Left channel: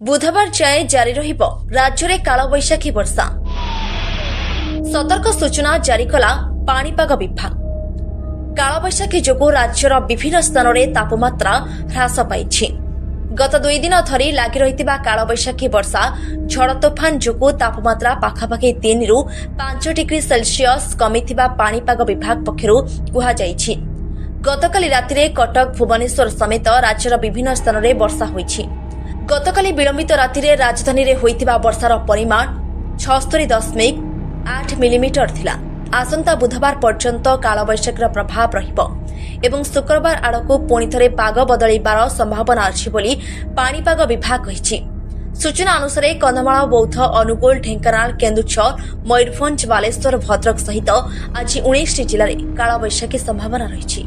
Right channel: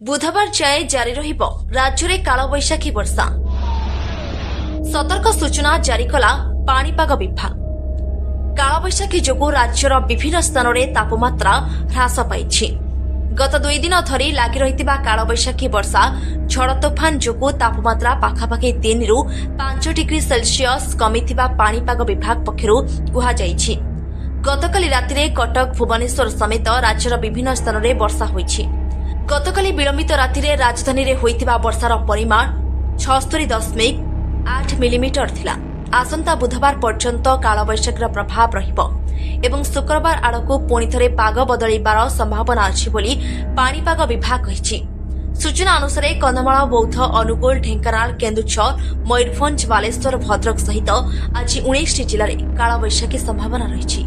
बुधवार जाए जारी रहिबो राज्य में कालबैशाखी वर्षा। सतर्क सूचना जारी कला पाणीपाग विभाग। कालबैशाखी जोगु राज्यर विभिन्न स्थान में तापमात्रा ह्रास पाइछि। गत 2 दिन धरी लागि रहितिबा कालबैशाखी वर्षा झड़ तोफान जोगु तापमात्रा पाखापाखि 3 रु 5 डिग्री सेल्सियस कमिथिबा पाणीपाग विभाग पक्षरु कुहा जाइछि। गतकाली रातिरे कटक भुवनेश्वर समेत राज्यर विभिन्न स्थान में वर्षा होइछि। गतकाली विलंबित रातिरे राजधानी रे होइतिबा वर्षार परिमाण 76.8 मिलीमीटर थिला। आसंता बुधवार पर्यंत कालबैशाखीर प्रभाव रहिबो एवं शुक्रवार आड़कू पुणी थरे पाग बदलिबार संभावना अछि बोली पाणीपाग विभाग कहिछि। सूचना अनुसार कंधमाल, बौद्ध, अनुगोल, ढेंकानाल, केन्दुझर, मयूरभंज, बालेश्वर, भद्रक सहित आज 19 जिले में कालबैशाखी संभावना रही।